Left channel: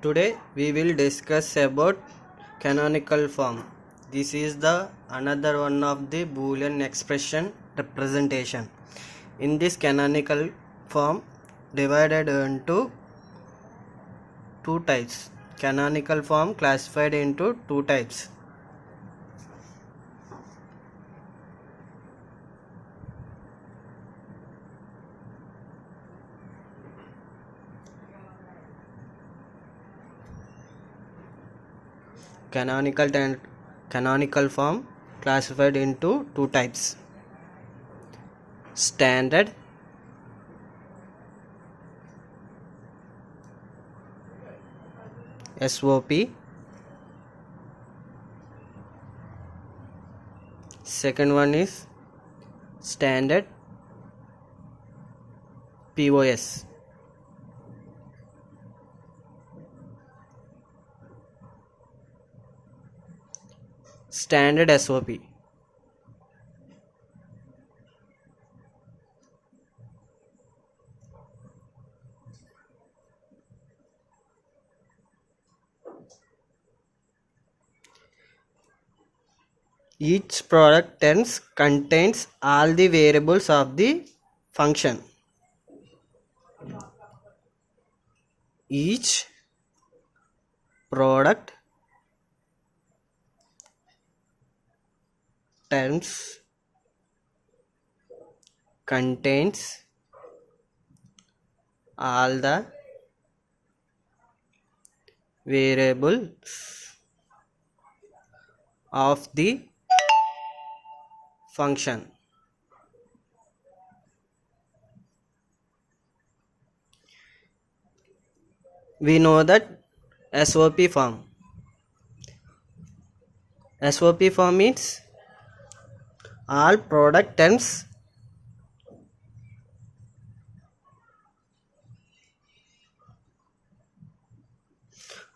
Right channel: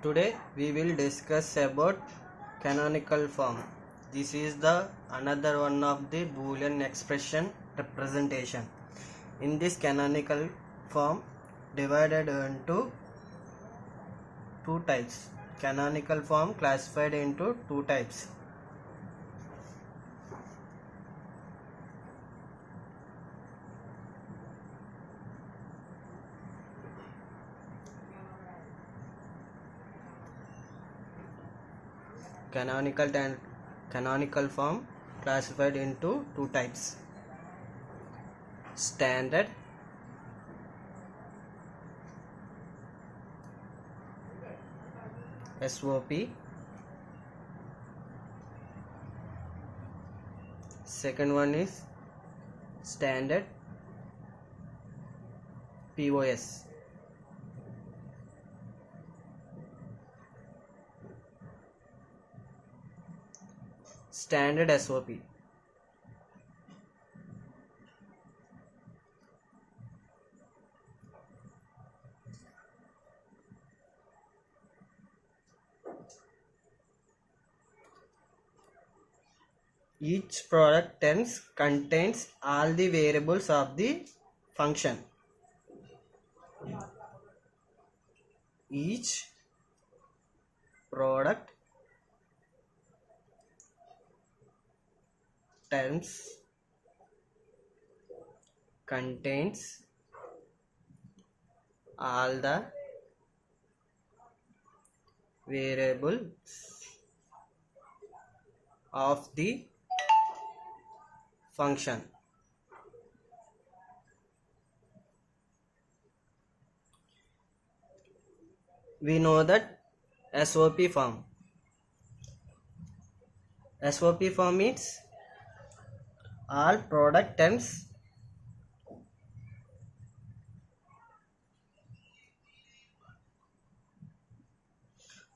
Today we will discuss about canonical form. This is the another one of the Boolean expression representation. In this canonical form divided into two types. Canonical form classified into two types. Canonical form classified into two types. Standard SOP. Second one is standard POS. Standard SOP. Each product terms contains all the variables of the function. Each product terms contains all the variables of the function. We know that SOP form. SOP form means all product terms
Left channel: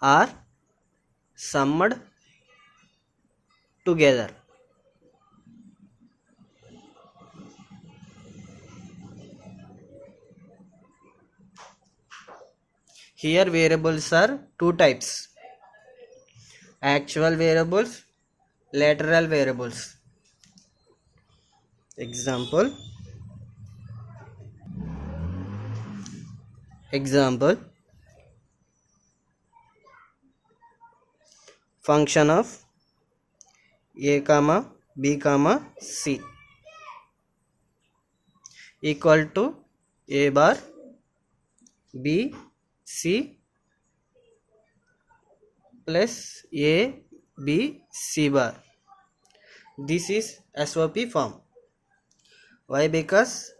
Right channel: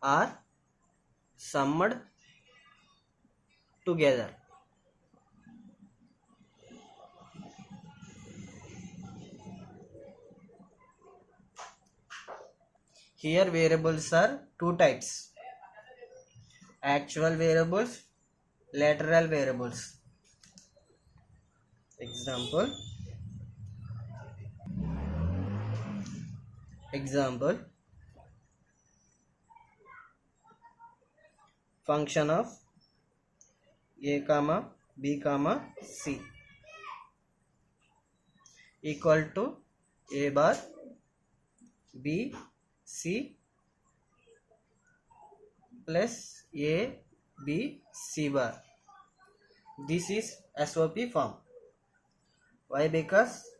are summed together. Here variables are two types: actual variables, lateral variables. Example function of a comma b comma c equal to a bar b c plus a b c bar. This is SOP form. Why? Because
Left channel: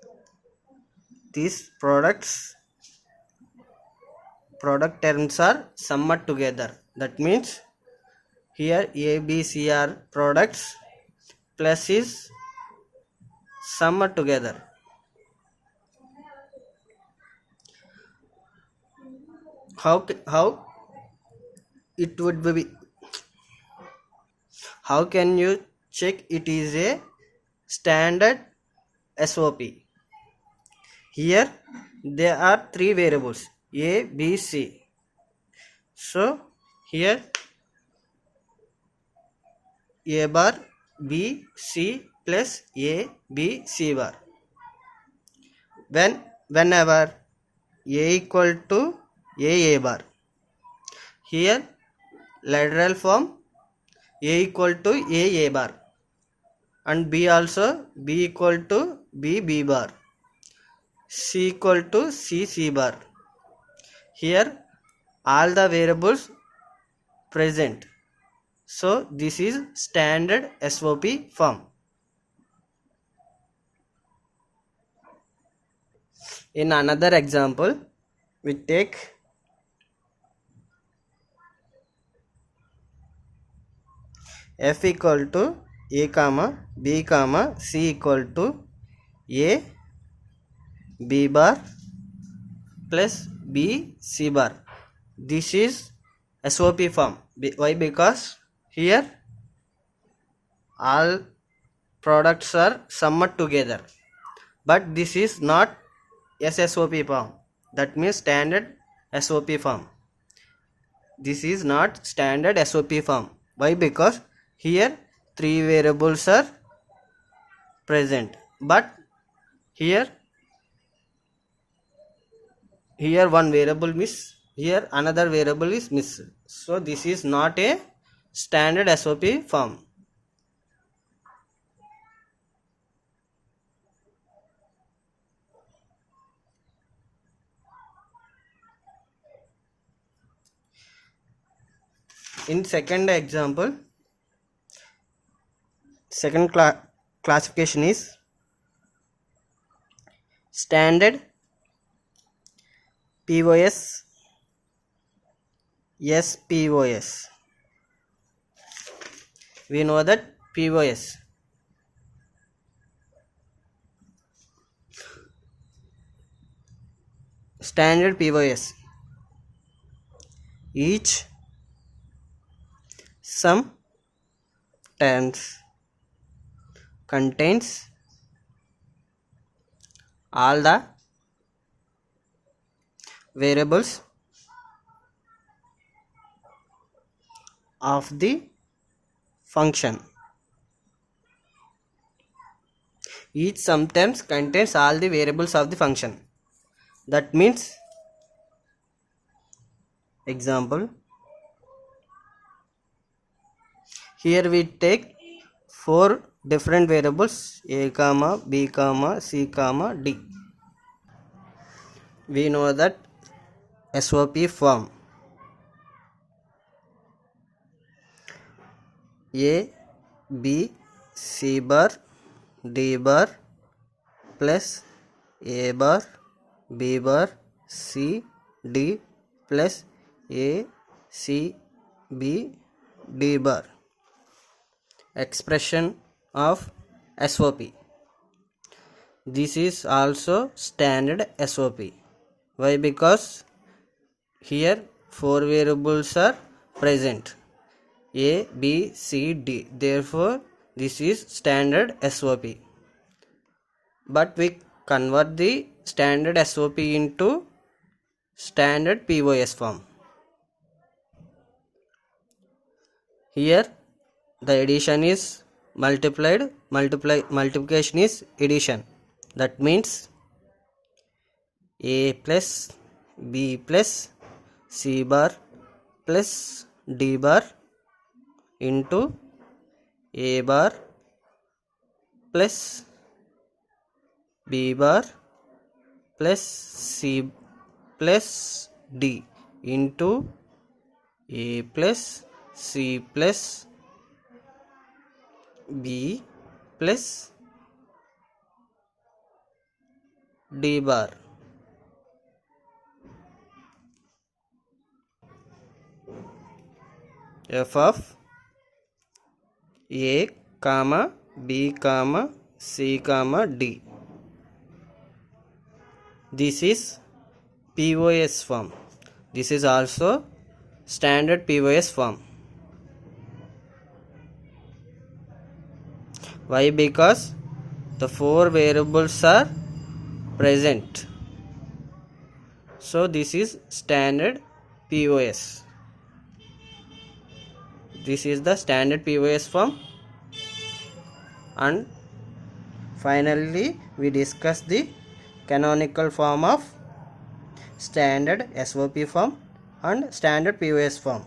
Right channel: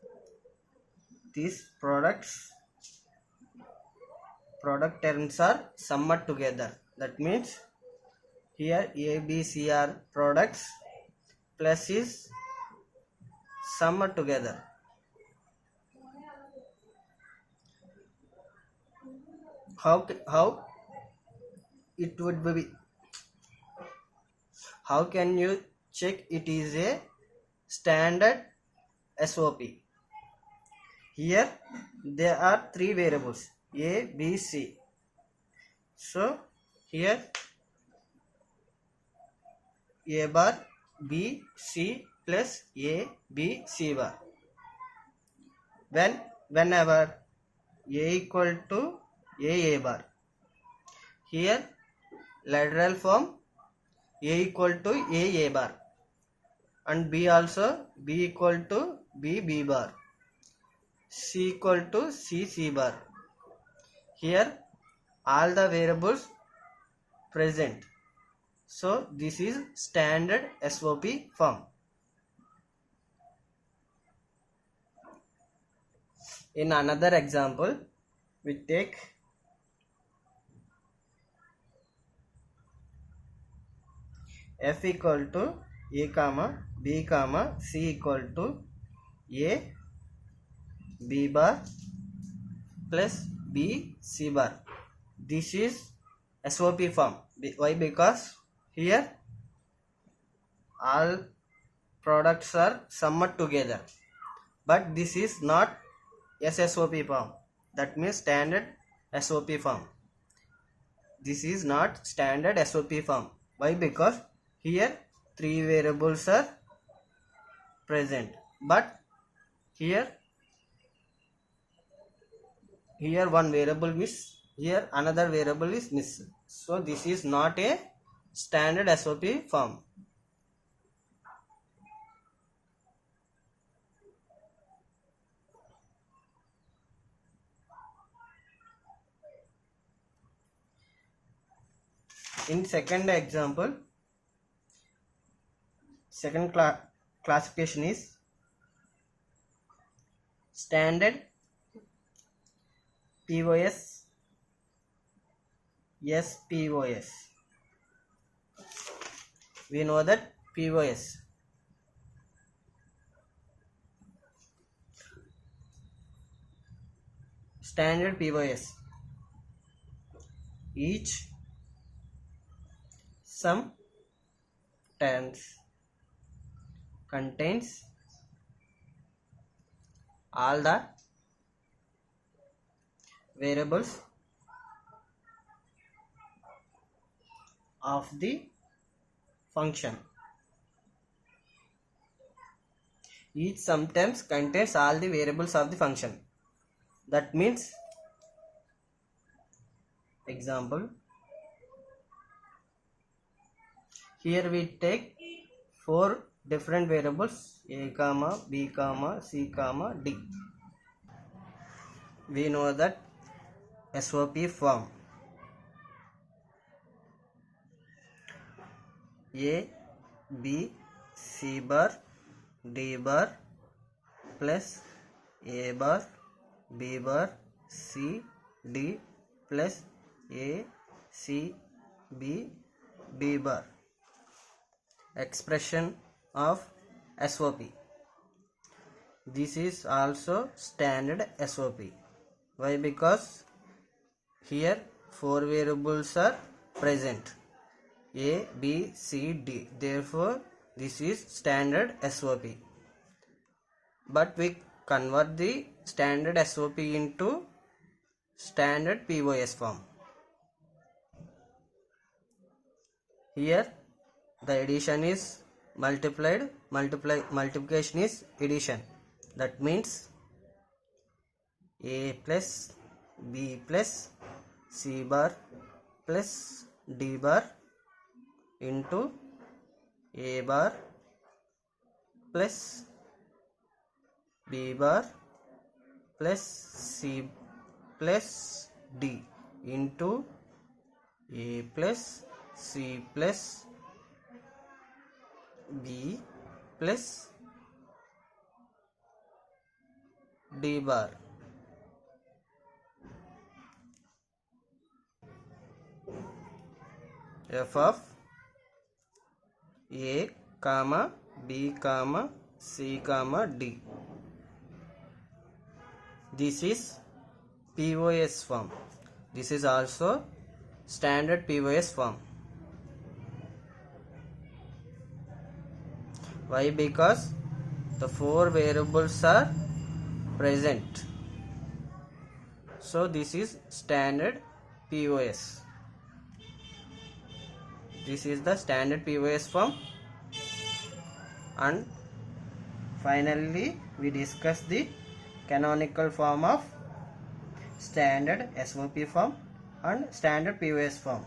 these product terms are summed together. That means here A, B, C are products plus is summed together. How it would be? How can you check it is a standard SOP? Here there are three variables A, B, C. So here A bar B C plus A B C bar. Whenever A equal to A bar, here lateral form A equal to A bar and B also B equal to B bar, C equal to C bar. Here all the variables present. So this is standard SOP form. In another example, we take f equal to a comma b comma c equal to a b bar plus b c bar. This is SOP form. Why? Because here all products are summed together, but this is not SSOP form. That means standard SOP form. this is not standard SOP form. Why? Because here 3 variables are present, but here one variable miss, here another variable is miss. So this is not a standard SOP form. In second example, second classification is standard POS, SPOS. We know that POS, standard POS, each sum terms contains all the variables of the function. Each sum terms contains all the variables of the function. That means, example, here we take 4 different variables a comma, b comma, c comma, d. We know that SOP form a, b, c bar, d bar plus a bar, b bar, c, d plus a, c, b, d bar. Expression of SOP. This is also standard SOP. Why? Because here 4 variables are present a, b, c, d. Therefore this is standard SOP. But we convert the standard SOP into standard POS form. Here the addition is multiplication is addition. That means a plus b plus c bar plus d bar into a bar plus b bar plus c plus d into a plus c plus b plus d bar. F of a comma b comma c comma d. This is POS form. This is also standard POS form. Why? Because the 4 variables are present. So this is standard POS. This is the standard POS form. And finally we discuss the canonical form of standard SOP form and standard POS form.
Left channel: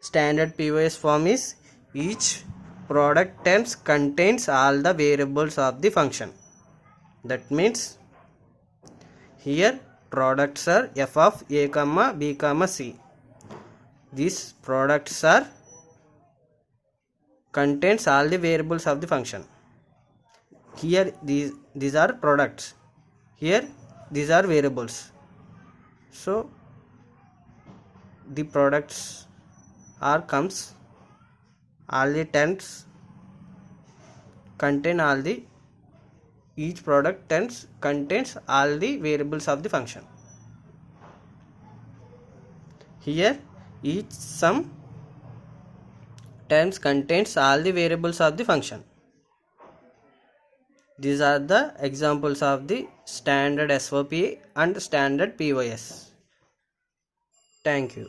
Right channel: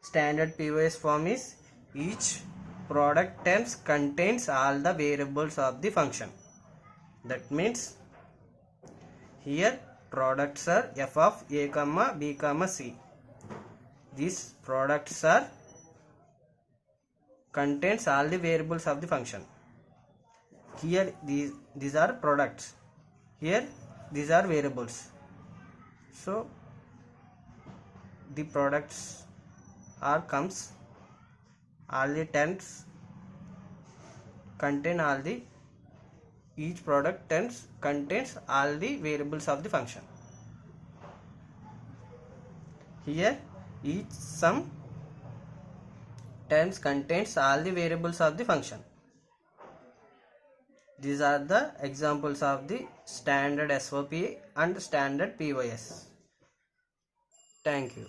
Standard POS form is each product terms contains all the variables of the function. That means here products are f of a comma b comma c. These products are contains all the variables of the function. Here these are products, here these are variables. So the products are comes, all the terms contain all the, each product terms contains all the variables of the function. Here each sum terms contains all the variables of the function. These are the examples of the standard SOP and standard POS. Thank you.